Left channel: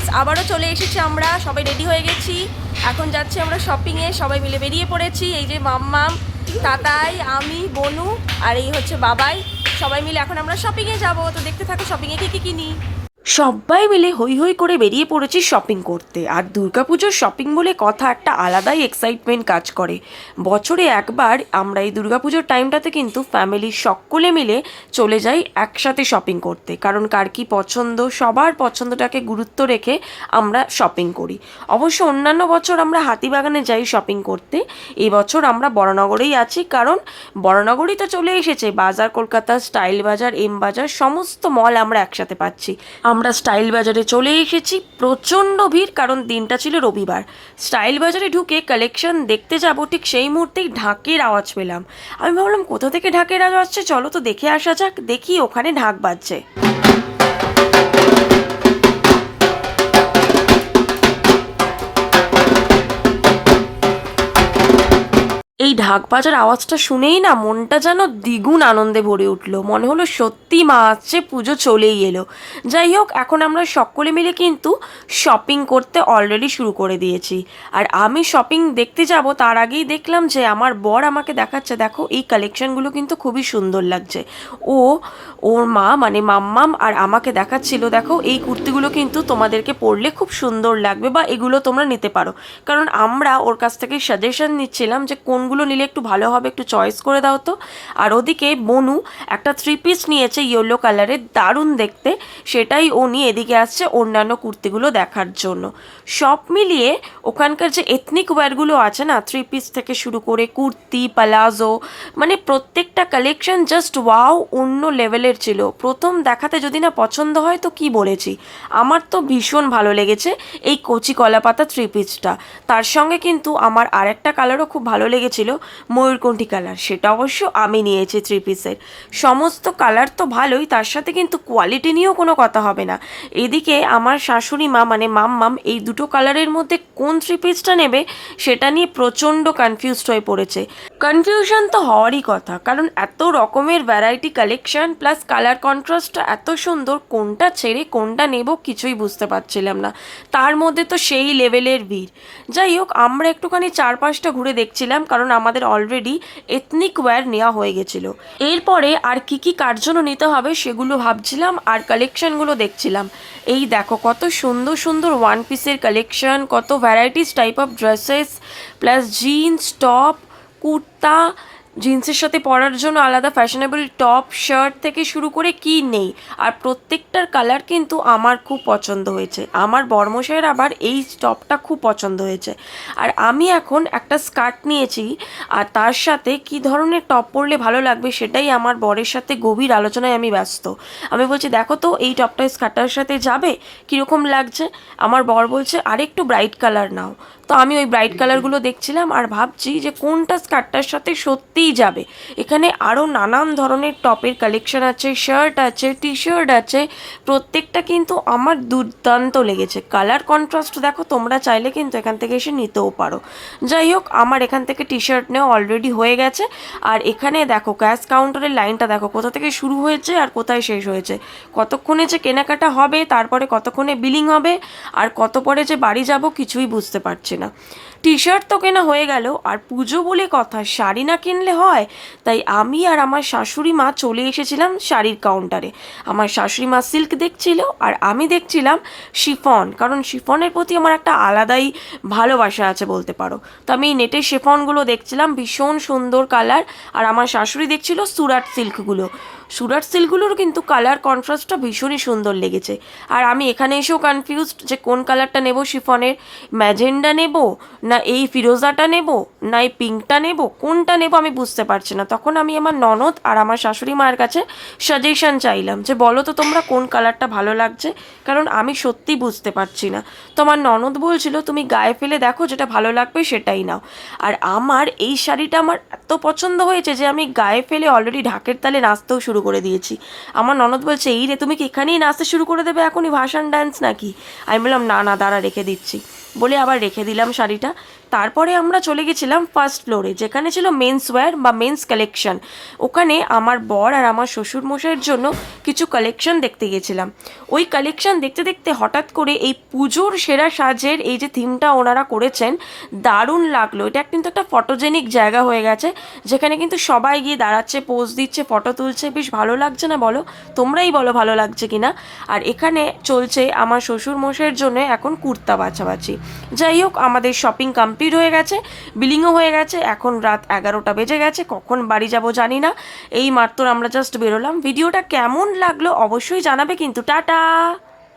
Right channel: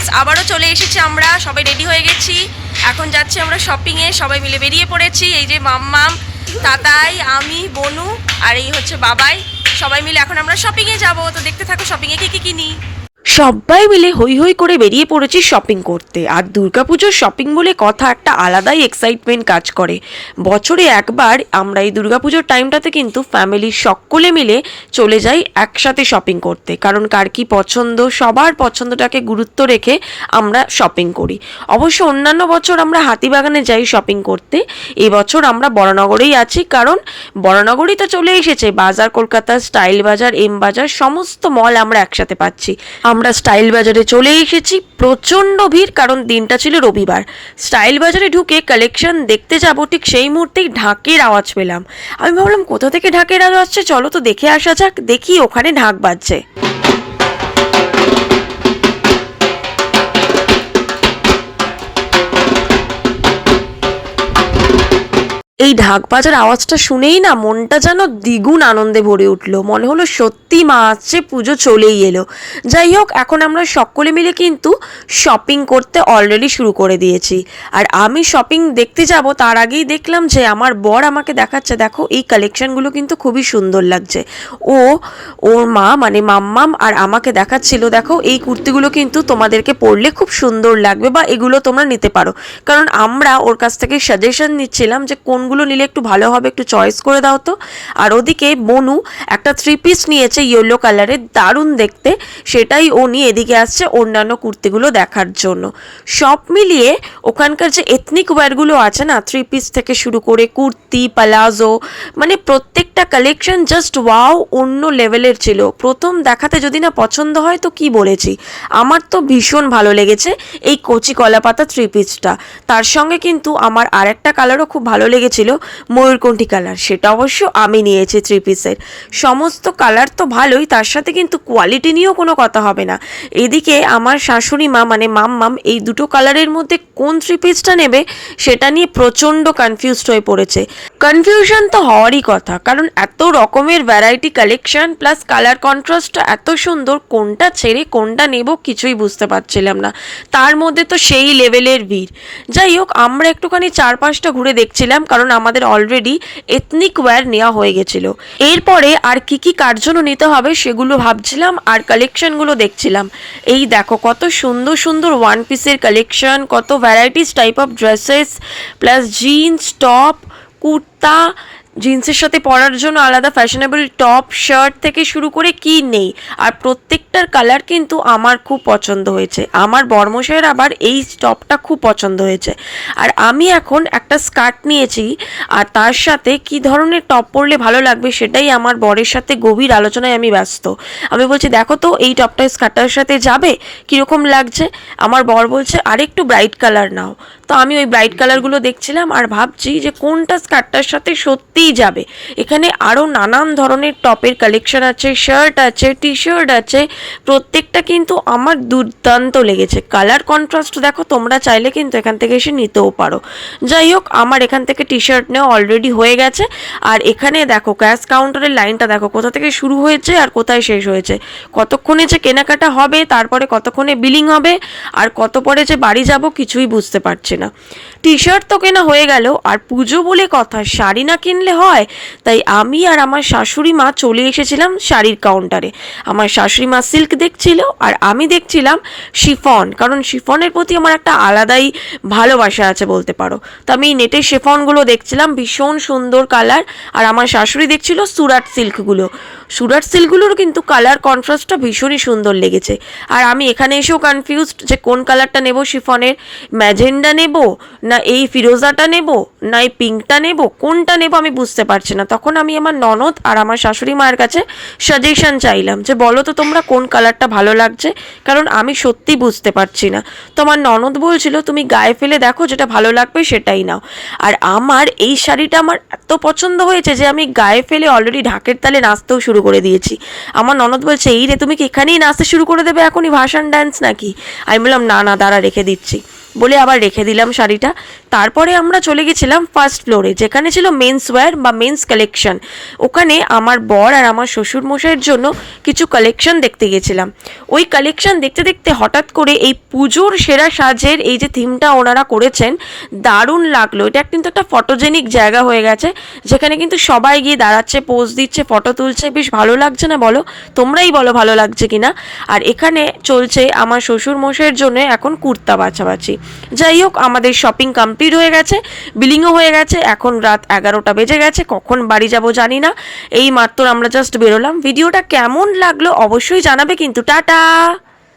Friends, আবারও চলে এসেছি আমরা, সবাই রেডি হয়ে গেছি। এখন যাচ্ছি আমরা শপিংয়ে, সবাই মিলে বেরিয়ে পড়েছি। এই যে মাম্মাম, তাতাই, আমি, বনু আর এই হচ্ছে বাবাই, সবাই মিলে এখন আমরা শপিংয়ে যাব। তো দেখতে থাকো শপিংয়ে কী কী কিনি। সবাই মিলে হই হই করে বেরিয়ে পড়েছি শপিং করতে। আর দুর্গাপুজোর শপিং বলে কথা, একটা আলাদাই এক্সাইটমেন্ট কাজ করে। বছরে একবার আমরা এই দুর্গাপুজোর টাইমটাতে কিন্তু ফ্যামিলির সকলে মিলে চলে যাই একসাথে শপিং করতে, কারণ কার কী পছন্দ, সবার পছন্দটাকে গুরুত্ব রেখে আমরা শপিং করি। অবশ্য অন্যান্য বছর আমরা হাতিবাগানে যাই শপিং করতে, এবছর আমরা বড়নগরেই আছি, কারণ বড়নগরই তো চলে এসেছে। বাজার কলকাতা, স্টাইল বাজার, এম বাজার, সমস্ত মল আমরা একসাথে পাচ্ছি। আমরা স্টাইল বাজারে চলে এসেছি, প্রচণ্ড ভিড়, কারণ দিনটা ছিল রবিবার। স্টাইল বাজারে ঢুকে কালেকশন দেখতে যাব, ঠিক সেই মুহূর্তেই ঢাকের আওয়াজ পেলাম। আমি ভাবলাম কোথা থেকে ঢাকের আওয়াজ আসছে, চলো তো দেখে আসা যাক। দেখি ওখানে ঢাক বাজছে। এই ঢাক বাজার আওয়াজটা শুনেই না মনটা যেন দ্বিগুণ আনন্দে ভরে উঠলো। মনে হলো সত্যি মা আসছে, পুজো চলেই এলো। যাই হোক, এখন আমরা সকলে মিলে কিন্তু শপিং করতে অলরেডি শুরু করে দিয়েছি। আর আমি শপিং দেখতে যাব তার আগেই দেখলাম যে আমার বর আমাকে দেখাচ্ছে, দেখো এই কালেকশনগুলো কিন্তু খুবই সুন্দর লাগছে। ওর মা মানে মাম্মাম আর আমাকে দেখাচ্ছিল, দেখো এই কুর্তিগুলো কিন্তু তোমাদেরকে পরলে খুব সুন্দর লাগবে, বা এগুলো তোমরা নিতে পারো। কারণ আমরা ওর কাছ থেকে সাজেশন নিচ্ছিলাম যে কোনগুলো নিলে একটু ভালো হবে, একটু চয়েস করে দাও তো। আর ওদিকে বনু একটা 3 পিস নিয়েছে ইয়েলো কালারের, দারুণ দেখতে, সেটাই ও নিয়ে এদিকে আসছে অন্যান্য কুর্তিগুলো দেখার জন্য। সব মিলিয়ে ওখানকার যে এথনিক ওয়্যারগুলো আছে না, 3 পিস থেকে শুরু করে কুর্তি, পালাজো, মানে প্রত্যেকটা কালেকশন জাস্ট ওয়াও, অন্য লেভেলের ছিল। প্রথম দেখাতে যদি না পছন্দ হয় তো কি বলেছি, আমার তো ভীষণ ভালো লেগেছে এই কচি কলাপাতা 3 পিসটা। তার সঙ্গে কিন্তু আমার আরেকটা কালারও খুব ভালো লেগেছিল, ময়ূরকণ্ঠী কালার, সেটা অবশ্য আমি নিয়েছি 3 পিসের। সমস্ত কালার তো ভালোই, তার সাথে কিন্তু কোয়ালিটি নিয়েও কোনো কথা হবে না। এদিকে আমার শাশুড়ি মা মানে মাম্মাম এই দুটো কালারের মধ্যে কোন 3 পিসটা নেবে সেটা নিয়ে প্রচণ্ড কনফিউজড হয়ে পড়েছে। কনফিউশন তো হওয়ারই কথা, কারণ এত রকমের ভ্যারাইটি কালেকশন প্লাস কালার কন্ট্রাস্টটা এত সুন্দর, কোনটা ছেড়ে কোনটা নেব কিছুই বুঝতে পারছিলাম না। তার মধ্যে তো সেই লেভেলের ভিড়। যাই হোক, আমরা একটুখানি 4-5টা ঘুরে দেখছিলাম, কারণ আমাদের অলরেডি এথনিক ওয়্যার নেওয়া হয়ে গেছিল। এরপরে আর কি কি কার জন্য নিতে হবে সেগুলো ভাবছিলাম আর কালেকশনগুলো দেখছিলাম। এই দেখো কত সুন্দর সুন্দর 1 পিসের কালেকশন, কত varieties type of dresses, plus jeans, top, kurta, জিন্সের সাথে পরার জন্য আলাদা ফ্যাশনেবল টপ, শার্ট থেকে শুরু করে কি নেই। আর প্রত্যেকটার কালার কিন্তু আমার খুব পছন্দ হয়েছে। আমার বর্মশাইয়ের আবার এই টপটা খুব পছন্দ হয়েছে। আর আমি এখন একটা স্কার্ট নিয়েছি, আর তার সাথে কি ধরনের টপ পরলে ভালো লাগবে সেটাই আমার বরের সাথে গভীর আলোচনায় আমি ব্যস্ত। আমি বলছি দেখো তো এই টপটা স্কার্টটার সাথে যাবে, কীরকম লাগছে। আমার বর বলছে আরেকটু ব্রাইট কালার নাও। তো আমি ওই ব্রাইট কালারগুলো দেখছিলাম আর ভাবছি যে কোনটা স্কার্টটার সাথে সত্যিই যাবে। এখানে আরও নানান ধরনের টপের কালেকশন আছে, শার্ট আছে, টি শার্ট আছে, প্রত্যেকটা কিন্তু আমার দুর্দান্ত লেগেছে। কালার কন্ট্রাস্ট দেখো, তোমরা চাইলে কিন্তু এখান থেকে এসে নিতেও পারো। যাই হোক, আমার এখান থেকে টি শার্ট নেওয়া অলরেডি হয়ে গেছে। আর এখানে দেখো ক্যাশ কাউন্টারের লাইনটা দেখো কোথা থেকে শুরু হয়েছে আর কোথায় শেষ হয়েছে। কতক্ষণে যে কেনাকাটা হবে, তারপরে কতক্ষণে বিলিং হবে, আর কত পরে যে বাড়ি যাব কিছুই বুঝতে পারছি না। টি শার্ট তো কেনা হয়ে গেল, আর পুজো বলে কথা, শাড়ি না কিনলে হয়। তাই আমি আর আমার শাশুড়ি মা চলে এসেছিলাম শাড়ির কাউন্টারে। আমার শাশুড়ি মা সিল্ক দেখছিল আর আমি দেখছিলাম শিফন, কারণ শিফনের প্রতি আমার একটা আলাদাই ভালোবাসা আছে বলতে পারো। তো আমি নেটের শিফনগুলো দেখছিলাম, ভীষণ সুন্দর কালার। আর আমার শাশুড়ি দেখছিল সুরাট সিল্কগুলো। সুরাট সিল্কগুলোর কিন্তু কালার কন্ট্রাস্টটা ভীষণই সুন্দর লেগেছে। আর আমি এখানে এসেও কনফিউজড যে কোন কালারটা নেব শিফনের, ম্যাজেন্ডা নেব না এই ফিরোজাটা নেব না এই পিঙ্কটা নেব, কোনটা নেব আমি বুঝতে পারছি না। তখন আমি আমার ননদ আর আমার শাশুড়ি মায়ের কাছে সাজেশন চাইলাম যে বলো তো তোমরা কোন কালারটা ভালো লাগছে, কারণ আমি সত্যি বুঝতে পারছি না। তো আমার ননদ বলছিল তুমি গায়ে ফেলে দেখো, যেটা ভালো লাগবে সেটাই নাও। আর আমার এই শাড়িটা আমার এত পছন্দ হয়েছে যে আমি গায়ে ফেলে অলরেডি ঢাকের তালে নাচতেও শুরু করে দিয়েছি। আমার ননদ বলছে এই রে তুমি কি এখানেই নাচতে শুরু করে দেবে এখনই, ভাসান ডান্স নাকি? আমি বললাম না না, দাঁড়া রেখে দিচ্ছি। বলে আবার রেখে দিলাম শাড়িটা। তারপরে আমরা চলে গেছিলাম ফার্স্ট ফ্লোরে, যেখানে ছিল মেন্স ওয়্যার বা মেন্স কালেকশন। ওখানে আমার বর আর আমার শ্বশুর মশাইয়ের জন্য কিছু কালেকশন দেখতে গেছিলাম। ওই কালেকশন দেখতে দেখতে হঠাৎ করে এই পুজোর সেরা সাজের এই যে থিমটা ওনারা করেছেন, দারুণ লাগলো। এটা কিন্তু একটা ফটোজেনিক জায়গা হয়ে গেছে, যেখানে কিন্তু সবাই গিয়ে দাঁড়াচ্ছে, পোজ দিচ্ছে, ফটো তুলছে। বেশ ভালো লাগছে না বলো? তোমরাই বলো ভালো লাগছে কিনা। আর এখানে চলছে আমার শ্বশুর মশাইয়ের জন্য এখন কুর্তা বাছাবাছি। যাই হোক, আমাদের শপিং কমপ্লিট হয়ে গেছে, বিলিংও হয়ে গেছে। এখন রাত 11টা বেজে গেছে, কখন বাড়ি যাব জানি না। এই মাত্র আমরা জাস্ট বেরোলাম। ভিডিওটা কেমন লাগলো অবশ্যই জানাবে কিন্তু। টাটা।